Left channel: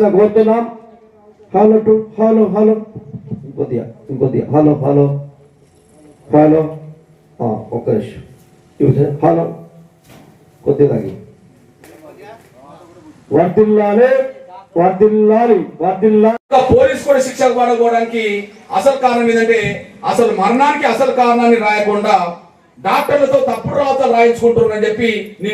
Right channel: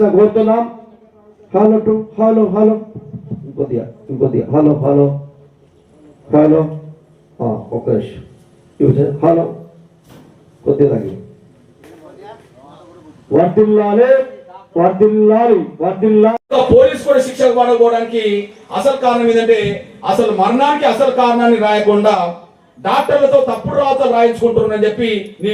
రావాల్సిన కోరుతున్నాం. Hello to hello hello ఇంకొద్దిగా హలో హలో హలో ఒక్క నిమిషం హలో కొద్దిగా వర్దిల్లాలి వర్దిల్లాలి వర్దిల్లాలి. పోలీస్ కూడా శిక్షకు పడకపోవడానికి అసలు కారణం ఏంటంటే అసలు మరణానికి అసలు కారణాన్ని రాయకుండా డాక్టర్లతో తప్పుడు రాతలు రాయించుకుంటున్నారని చెప్పి నీ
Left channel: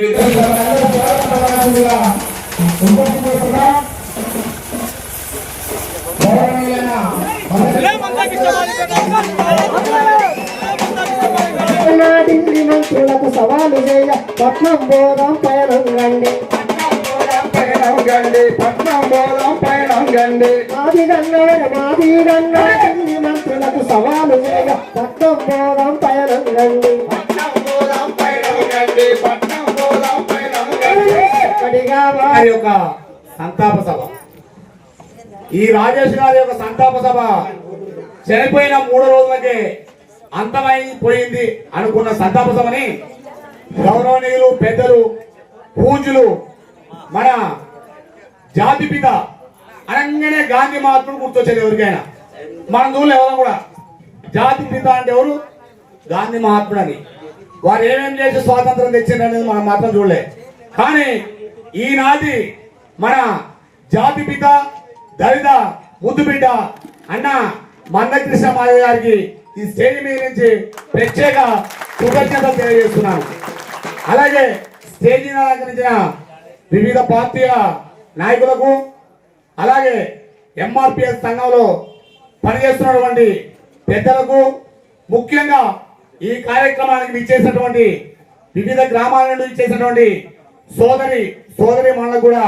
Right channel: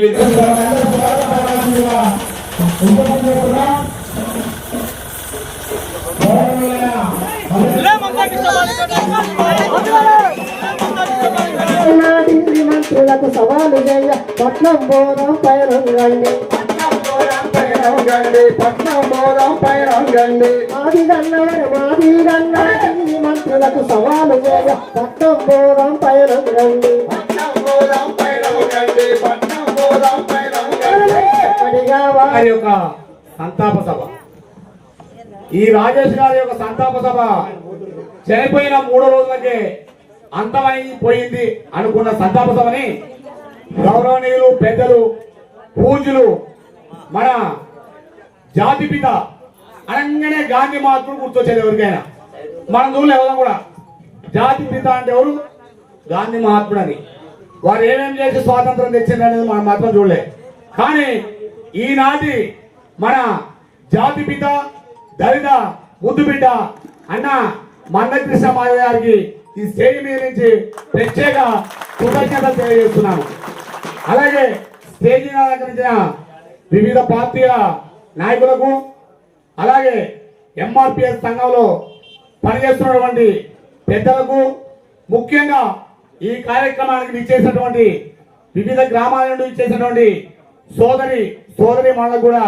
మంత్రులకు సవాలు చేయ పట్నం పోదాం పయనం రండి మాది మంత్రులకు సవాలు చేయ పట్నం పోదాం పయనం రండి యొక్క సంతాప సభ ఈ రాజేష్ గారి యొక్క సంతాప సభ చనిపోయిన 3 రోజులకే అంతమైపోయింది అనుకున్న సంతాప సభని గౌరవనీయులు పెద్దలు పూజ్యులు మన జాతిపిత అనగానే గాంధీ మహాత్ముడు గుర్తొచ్చేది ఎవరికైనా. మన ఊళ్ళో ఎవరు కూడా జాతిపిత అంటే ఎవరు గాంధీ మహాత్ముడు అని. వారు ఏమేమి చేసి స్వాతంత్రం తెచ్చిందనేది మనం మాత్రం చూడలే. కానీ ఈనాటి మన జాతిపిత దళిత ముద్దుబిడ్డ అన్న మందకృష్ణ మాధవ్ గారికి ఈ స్టేజ్ మీద నుంచి ప్రత్యేక కృతజ్ఞతలు తెలియజేస్తున్నాను. అలాగే స్టేజ్ మీద అలంకరించిన వివిధ పార్టీల నాయకులకు, అలాగే ఎంఆర్పిఎస్ సంఘంలో పనిచేస్తున్నటువంటి పెద్దలకు, ముఖ్యంగా ఈ కార్యక్రమానికి ఇచ్చేసినటువంటి వివిధ గ్రామాల నుండి ఇచ్చేసినటువంటి సోదరి మనకు కూడా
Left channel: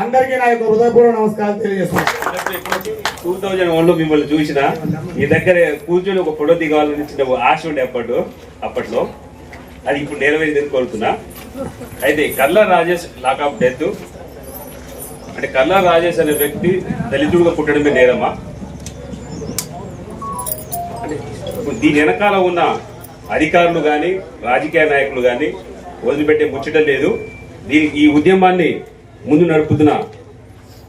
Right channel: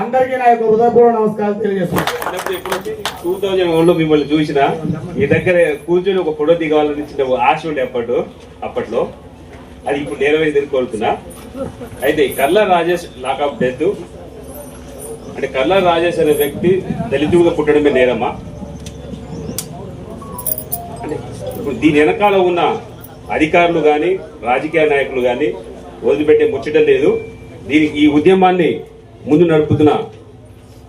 అందరికీ నా యొక్క హృదయపూర్వక నమస్కారాలు తెలియజేస్తున్నాను. 2001లో మిమ్మల్ని చూసిన మీ దగ్గర కూర్చొని ఒక ఫోటో దిగాలని చిన్న ఆశ ఉండే అప్పట్లో అది ఇప్పుడు నెరవేరిందని కోరుతున్నా. అయితే కల్లా రాజేష్ లాకప్ డెత్ అంటే కల్లా రాజేష్ అనే వ్యక్తి దళితుడుగా పుట్టడమే నేరమా? అంటే దీని వెనకాల ఉన్న అధికారులు కానీ రాజకీయ నాయకులు కానీ వదిలిపెట్టే ముచ్చటం లేదు. ఈ ఉద్యమాన్ని ముందు నడుపుతున్న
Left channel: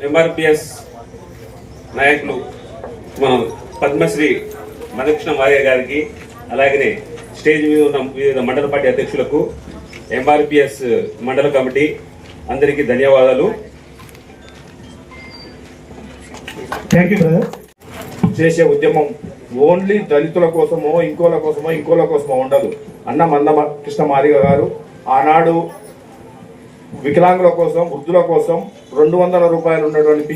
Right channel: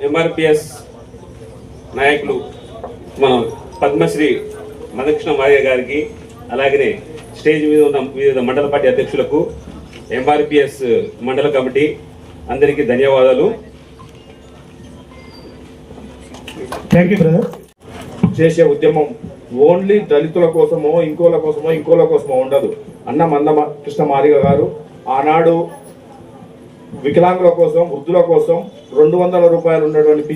ఎంఆర్పిఎస్ నాయకులు మన పద్మశ్రీ మందకృష్ణ మాధవ్ గారికి, అలాగనే స్టేజ్ మీద ఉన్న వివిధ మండల పార్టీ అధ్యక్షులకు, ఎంఆర్పిఎస్ మండల కమిటీ అందరికీ ధన్యవాదాలు. Thank you brother. చేసే ఉద్యమం ఓన్లీ దళితుల కోసమో ఇంకోల కోసమో ఉండదు. అన్న మందకృష్ణ మాదిగ గారు ఆనాడు వికలాంగుల కోసం, వృద్ధుల కోసం 200 రూపాయలు ఉన్నటువంటి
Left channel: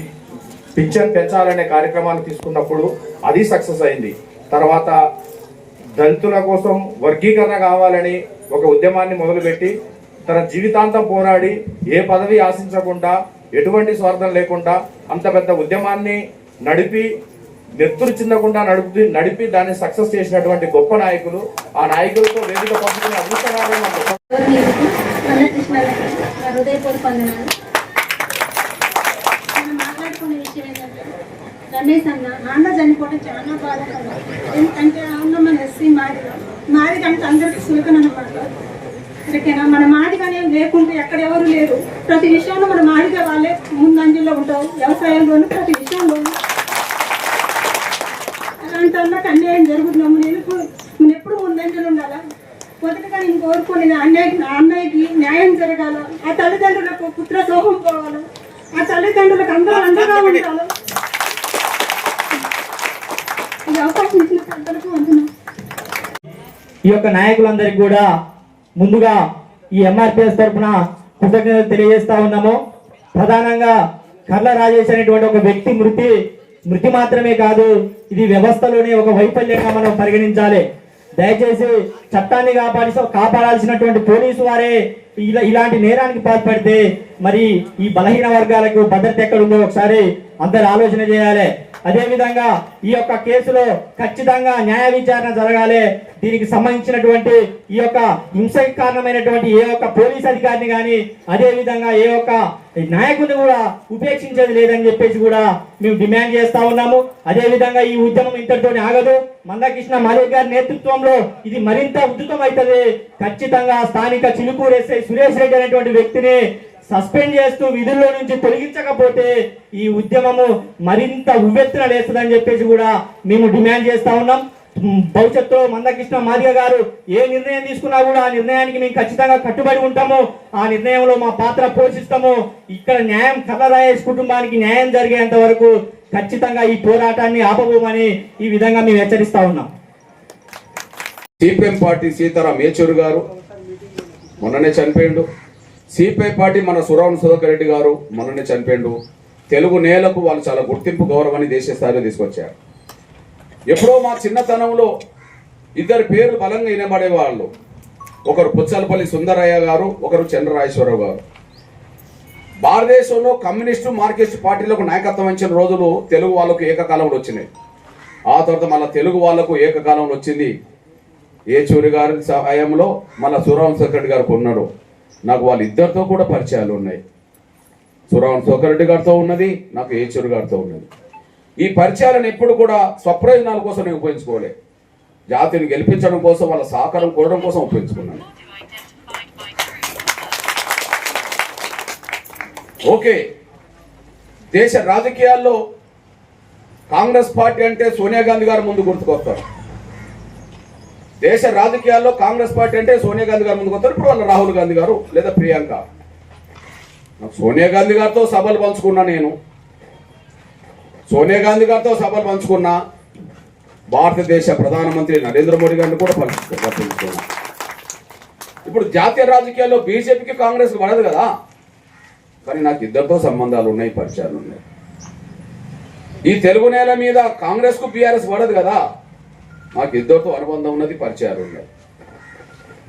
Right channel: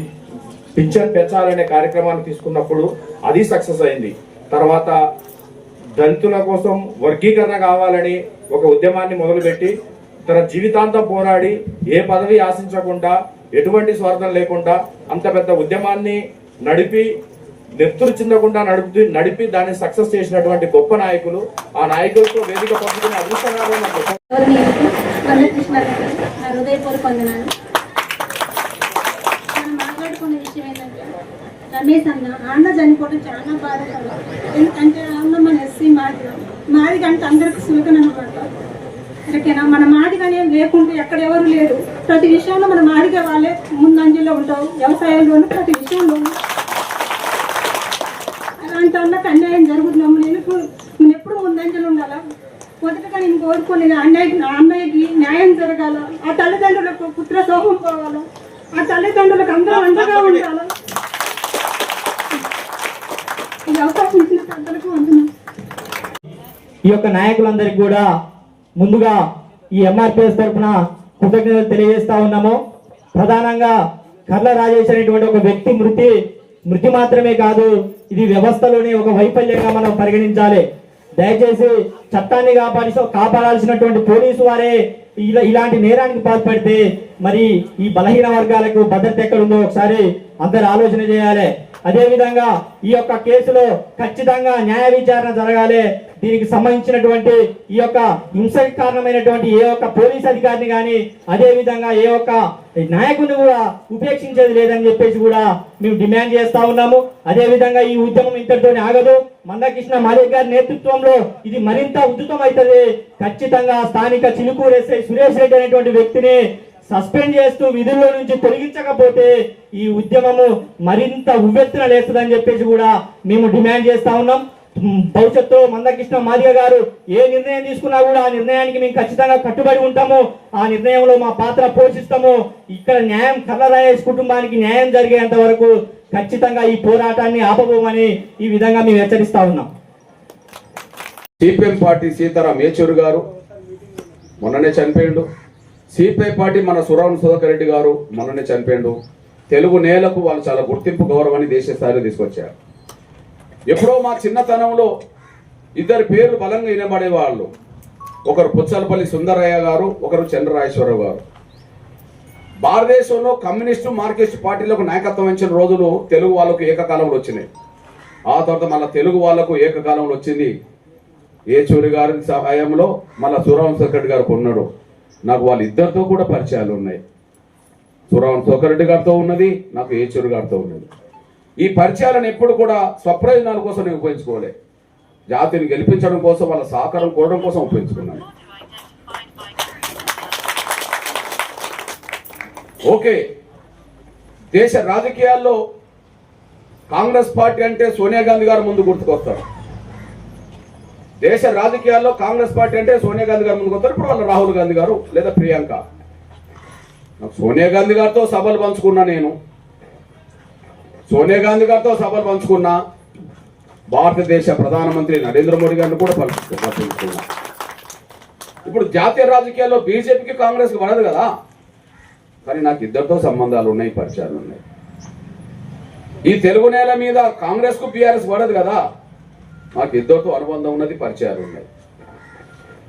పింఛన్ పెంచాలనే కార్యక్రమాన్ని తీసుకున్నప్పుడు అది సక్సెస్ అయింది. తర్వాత దళితుల కోసం వర్గీకరణ కావాలని ఒక ఉద్యమాన్ని మొదలుపెట్టి తన జీవితాంతం పోరాడి ఏ పదవి ఆశించకుండా ఎటువంటి స్వార్థం లేకుండా అంత పెద్ద ఉద్యమాన్ని నడిపి నెత్తురు చిందకుండా నడిపి దాన్ని సక్సెస్ చేసినటువంటి గొప్ప నాయకులు. ఆ నాయకులతో వేదిక పంపుకునే అదృష్టం మాట్లాడుకునే విషయం ఏంటంటే రమేష్ అన్న చనిపోవడం చాలా బాధాకరం. ఎందుకంటే అన్న మన ఎస్సీ మాది కంటే అందరికి సులకన అనమాట. ఓకేనా, మన మాదిగానే లేకుంటే ఎక్కడ ఎవరు లేరు. ప్రతి విషయంలో మన మాదిగా వాళ్ళే ముందంజలో ఉంటావు. వ్యవసాయంలోనూ ప్రతి విషయంలోనూ అలాంటి అన్నకు అన్యాయం జరుగుతున్నాము. నేను ఎప్పుడు ముందంజలు ఉండాలా? మొదటగా నేను కోరుకుని అన్నయ్యకి న్యాయం జరగాల. ఆ తల్లిదండ్రులకు పుత్ర సోహం పోవాలా. ఆ తల్లిదండ్రులకు అందరూ అండగా ఉండాలి. ఈ అవకాశం ఇచ్చిన పెద్దలకు వందనాలు. ఈ యొక్క నాయకులందరికీ కూడా ముందుగా ఈ ఎంఆర్పిఎస్ తరఫున కృతజ్ఞతలు తెలియజేస్తా ఉన్నాము. ప్రధానంగా కర్ల రాజేష్ అనేటువంటి ఒక వ్యక్తి మృతి మాత్రమే కాదు, ఇది వ్యవస్థలోనే ఒక వైఫల్యంగా మనం పరిగణించాలి. దయచేసి చట్టాన్ని కాపాడాల్సినటువంటి పోలీసు వారే ఇలాంటి నేరానికి పాల్పడితే మరి ఈ బలహీన వర్గాలకు భద్రత ఎక్కడుందో ఒకసారి అందరు ఆలోచన చేయాలి. అదేవిధంగా ఈ యొక్క కేసులో ఖచ్చితంగా న్యాయ విచారణ జరగాలి. దీనికి సంబంధించినటువంటి ఈ యొక్క హింసకి కారణమైనటువంటి ఏ ఒక్క పోలీస్ అధికారిని కానీ అదేవిధంగా ఏ ఒక్క నాయకుడిని కూడా ఉపేక్షించేది లేదని చెప్పేసి కూడా మేము డిమాండ్ చేస్తా ఉన్నాము. అదేవిధంగా ఈ ఉద్యమం ఇంతటితో ఆగదు. మందకృష్ణ మాదిగ గారి నేతృత్వంలో ఇది మరింత ఉధృతం అవుతుంది. ఖచ్చితంగా స్థానిక చిలుకూరు ఎస్ఐ సురేష్ రెడ్డి అనేటువంటి వ్యక్తిని సస్పెండ్ చేస్తూ విధుల్లో నుంచి తొలగించకపోతే ఈ ఉద్యమము మరింత ఉవ్వెత్తున లేస్తుందని చెప్పేసి కూడా మేము డిమాండ్ చేస్తా ఉన్నాం. భవిష్యత్తులో మందకృష్ణ మాదిగ గారు ఏ నిర్ణయం తీసుకున్నా కూడా ఆ నిర్ణయానికి మేము ఖచ్చితంగా కట్టుబడి ఉంటాము. ఆ నిర్ణయంలో మా పాత్ర పోషిస్తాము. ఇక్కడ న్యాయం కర్ల రాజేష్ కుటుంబానికి న్యాయం జరిగేంత వరకు ఖచ్చితంగా ఈ పోరాటాన్ని ఆపబోమని ఈ విధంగా మేము హెచ్చరిస్తా ఉన్నాం. సిపిఎం పార్టీ సీతారాం యేచూరి గారు మొన్ననే చనిపోయిండు. సిపిఐ పార్టీ మన సురావణ సుధాకర్ రెడ్డి గారు మొన్ననే చనిపోయిండు. తెలుగు నేలకు వాళ్ళు చాలా గుర్తింపు గౌరవాన్ని దేశ స్థాయిలో తీసుకొచ్చారు. ఎప్పుడో మా చిన్నతనంలో ఇద్దరు పేర్లు బలంగా వినబడేవాళ్ళు. ఒకరు పుచ్చలపల్లి సుందరయ్య గారు, ఒకరు చంద్రరాజేశ్వరరావు గారు. భారతదేశంలో కమ్యూనిస్టు మార్క్సిస్టు పార్టీలకు నాయకత్వం వహించిన రోజులు తెలుగు వాళ్ళకు ఏకకాలంలో వచ్చినాయి. ఆ తర్వాత మన తెలుగు వాళ్లకు ఏకకాలంలో వచ్చింది యేచూరి గారి సహాయంలో, మళ్ళీ సురావణ సుధాకర్ గారు ఉన్నాడు. నాకు వాళ్ళిద్దరితో కూడా పరిచయాలు ఉన్నాయి. సురావణ సుధాకర్ రెడ్డి గారితో ఉన్నది, నాకు యేచూరి గారితో ఉన్నది. ఈ పరిచయాలను ఎప్పుడు కూడా స్వప్రయోజనాల కోసం నేను ఉపయోగించుకోలే. జాతిని గెలిపించడం కోసం, వాళ్ళ సహకారం కోరడం కోసం ఉపయోగించుకున్నాను. ఓకే, దేశ రాజకీయాల్లో కాంగ్రెస్ పార్టీ అంటే సోనియా గాంధీ గారు ముందు గుర్తుకొస్తారు. దేశ రాజకీయాల్లో కాంగ్రెస్ పార్టీ అంటే సోనియా గాంధీ గారు ముందుకు వస్తారు. ఇప్పుడు వాళ్ళ రాహుల్ గాంధీ గారు లేదా ప్రియాంక. నాకు సోనియా గాంధీ గారితో సభలు పంచుకున్నా, నేను సోనియా గాంధీ గారితో సభలు పంచుకున్నా, భారతదేశ ప్రధానమంత్రి నరేంద్ర మోడీ గారిని కూడా పంచుకున్నా. ఇప్పుడు జాతీయ రాజకీయాల్లో బీజేపీకి కాంగ్రెస్కి పడదు కదా, కానీ నాకు ఇద్దరితో సంబంధాలు ఉన్నాయి, పరిచయాలు ఉన్నాయి. ఈ తెలుగు నేల మీద కాంగ్రెస్కు బీఆర్ఎస్ పడదు కదా, నాకు ఇద్దరితో అనుబంధం ఉన్నది, పరిచయాలు ఉన్నాయి.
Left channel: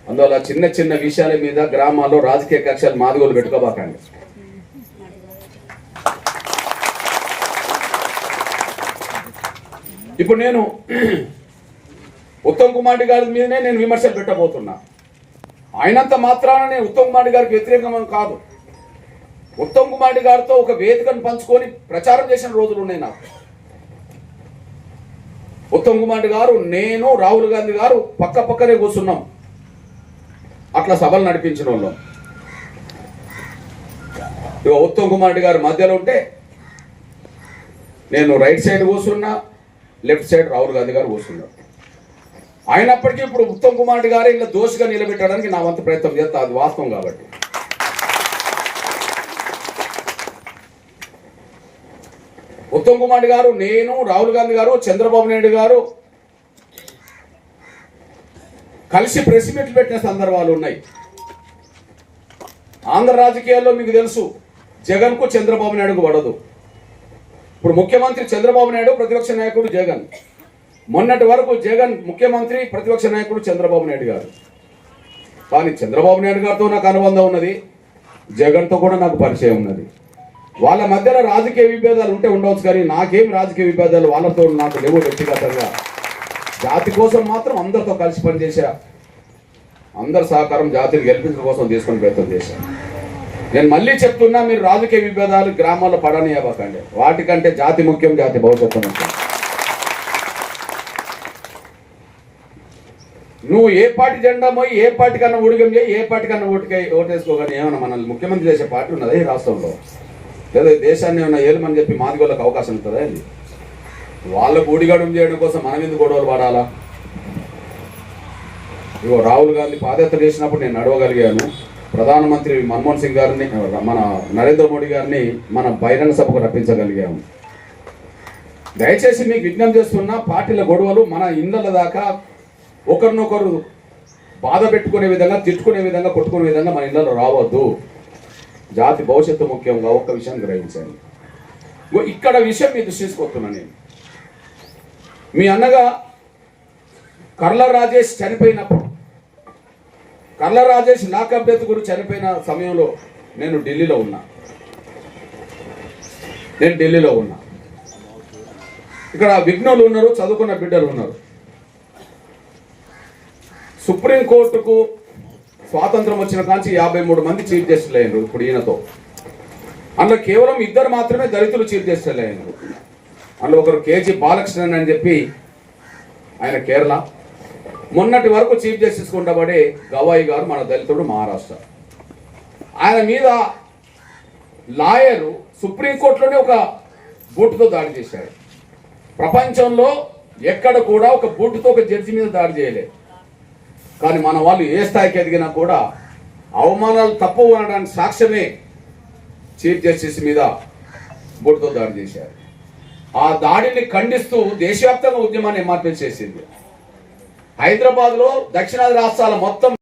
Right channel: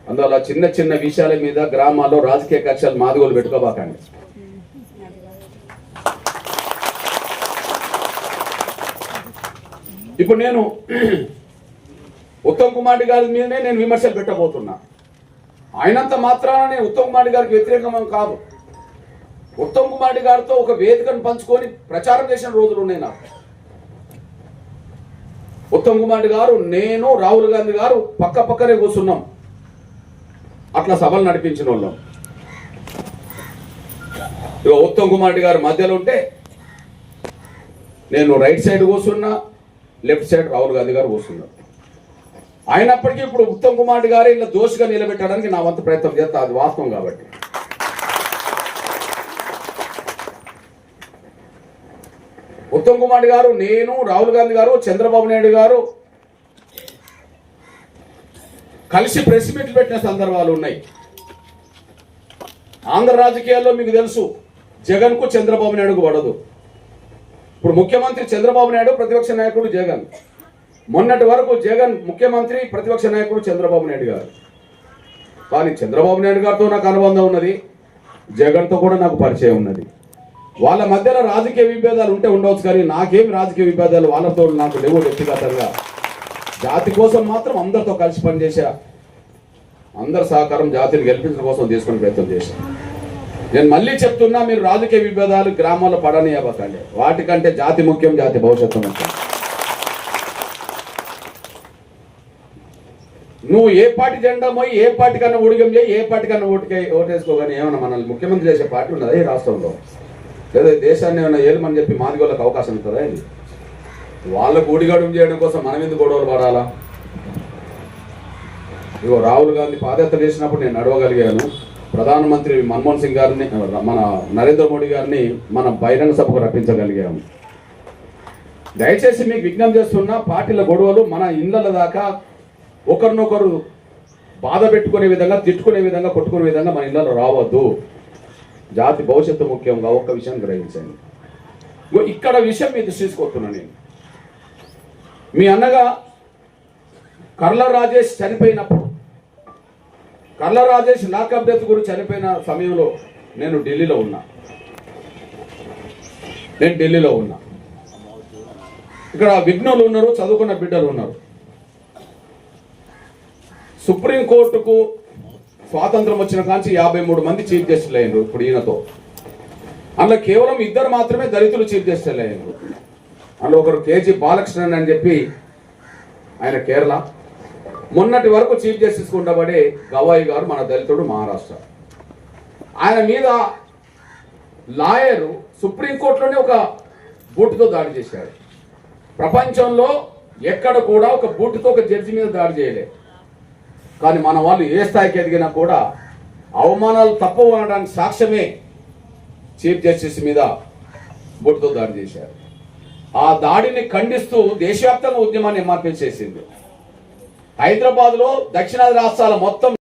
అందువల్ల చిన్న చిన్న విషయాల మీద గ్రామాల్లో రాజకీయ కక్షలు మాదిగోలు పెట్టుకోబాకండి. ఇప్పుడు నేను ఉత్తమ్ కుమార్ రెడ్డి గారి మీదనే నేను విమర్శలు పెట్టబోతున్నా. ఆయనంత మాత్రాన నేను ఉత్తమ్ కుమార్ రెడ్డి గారికి వ్యతిరేకం కాదు. ఉత్తమ్ కుమార్ రెడ్డి గారితో ఒక వేదికను పంచుకొని ప్రచారం చేసిన రోజులు ఉన్నాయి నాకు. ఉత్తమ్ కుమార్ రెడ్డి గారు, నేను, రాహుల్ గాంధీ గారు పక్క పక్కనే కూర్చున్నాం. అట్లా సభలు నడిపించిన వాళ్ళం. ఇక ఉత్తమ్ కుమార్ రెడ్డి గారు మధ్యలో ఉంటే నేను రైట్ సైడ్ కూర్చున్నా, లెఫ్ట్ సైడ్ రాహుల్ గాంధీ గారు కూర్చున్నారు. అయినప్పటికీ ఇప్పుడు ఉత్తమ్ కుమార్ రెడ్డి గారు ఇలా దోషిగా నిలబెట్టడానికి నా వంతు ప్రయత్నం చేస్తా, అది వాస్తవం కాబట్టి. ఉత్తమ్ కుమార్ రెడ్డి గారు, నేను, రాహుల్ గాంధీ గారు, చంద్రబాబు నాయుడు గారు కలిసి ప్రెస్ మీట్లు పెట్టిన సందర్భాలు ఉన్నాయి. ఆంధ్ర రాజకీయాల్లో మీకు తెలుసు, జగన్ కు చంద్రబాబు నాయుడుకు పడదు. ఇప్పుడు ముఖ్యమంత్రి చంద్రబాబు నాయుడు, ప్రతిపక్ష నాయకుడు జగన్. మొన్నటి వరకు జగన్ ముఖ్యమంత్రి, ప్రతిపక్ష నాయకుడు చంద్రబాబు నాయుడు గారు. కానీ చంద్రబాబు నాయుడు గారితో నాకు అనుబంధం ఉన్నది, జగన్తో కూడా నాకు పరిచయం ఉన్నది. వాళ్ళ మధ్యలో రాజకీయ విభేదాలు ఉంటే ఉండవచ్చు, కానీ నాకేం రాజకీయ విభేదాలు వాళ్ళతో నాకు లేవు. వ్యక్తిగతంగా జాతి కోసం మాత్రం అందరితో కలిసి పనిచేశా. అందరి సహకారం జాతిని గెలిపించడం కోసం తీసుకొని ప్రయత్నం చేశాను. నేను మళ్ళీ చెప్తున్నా, మీరు రాజకీయ విభేదాలు గ్రామాల్లో పడనివ్వకండి. వాటికంటే జాతి ముఖ్యం, జాతి భవిష్యత్తు ముఖ్యం. నువ్వు ఏ పార్టీ జెండా పోయి ఏ పార్టీ కన్నా ఊడిగం చేయి, ఏ పార్టీ కన్నా ఓటేసుకోగానే ఏమన్నా మనల్ని ముఖ్యమంత్రి చేసే పార్టీ ఉన్నదా ఈ రాష్ట్రంలో? లేదా దేశాన్ని ఏమైనా ఏలుమని చెప్పి మాదిగోళ్ళకి అవకాశం ఉంటుందా? వాళ్ళకు ఊడిగడం చేయడం కోసం మనం ఎందుకు గొడవలు పడాలా? ఇగో రాహుల్ గాంధీ పాదయాత్ర చేసినప్పుడు నేను నడవగలిగాను. ప్రధానమంత్రి మన్మోహన్ సింగ్ గారిని, మన నరేంద్ర మోడీ గారిని మన బహిరంగ సభకు రప్పించగలిగాము. దయచేసి మీకు విజ్ఞప్తి చేస్తున్నా, పార్టీల గొడవలు మన ఇళ్ళ దాకా ఒకరినొకరు బాధ పెట్టుకునే విధంగా, తిట్టుకునే విధంగా, కొట్టుకునే విధంగా మన ఇళ్ళలో రావద్దు. జాతి భవిష్యత్తు ముఖ్యంగా ఒక్క విషయం గ్రహించండి. ఇక్కడ విషయం మీ దృష్టి తీసుకొస్తున్నా. నేను మీ అన్నగా కర్ల రాజేష్ చనిపోయినప్పుడు, కర్ల రాజేష్ లాకప్ డెత్ గురించి చనిపోయిన సమయంలో నేను ఢిల్లీలో ఉన్నా. ఇక్కడ విఘ్నులు ఉన్నారు, చదువుకున్న బిడ్డలు ఉన్నారు. సుప్రీంకోర్టుకు స్వాతంత్రం వచ్చిన కాంచి 53 మంది చీఫ్ జస్టిస్లు అయ్యారు. ఇప్పుడు ఈయనతో అందులో కేవలం 2 మాత్రమే దళితులు చీఫ్ జస్టిస్లు అయ్యారు. అందులో ఒకరు కేజీ బాలకృష్ణన్ అని చెప్పి, ఆయన కేరళ. మొన్నటి వరకు చీఫ్ జస్టిస్ ఉండబడే గవాయి గారు మన దళితుడు, మహారాష్ట్ర. ఆయన మీద లాయరు సుప్రీంకోర్టులోనే ఒక బూటుతో దాడి చేశాడు. ప్రపంచంలో ఎక్కడ కూడా ఒక బూటుతో ఒక జడ్జి మీద దాడి చేయలేదు. కానీ మన వాళ్ళు ఏ స్థాయికి ఎదిగినా కూడా అవమానాలు తప్పవు అనడానికి సాక్ష్యమే చీఫ్ జస్టిస్ మీద బూటుతో దాడి చేశారు. ఆ దాడిని ఖండిస్తూ దేశవ్యాప్తంగా ఉద్యమాన్ని ఎంఆర్పీ చేసింది. హైదరాబాద్లో దక్షిణాది రాష్ట్రాల మొత్తం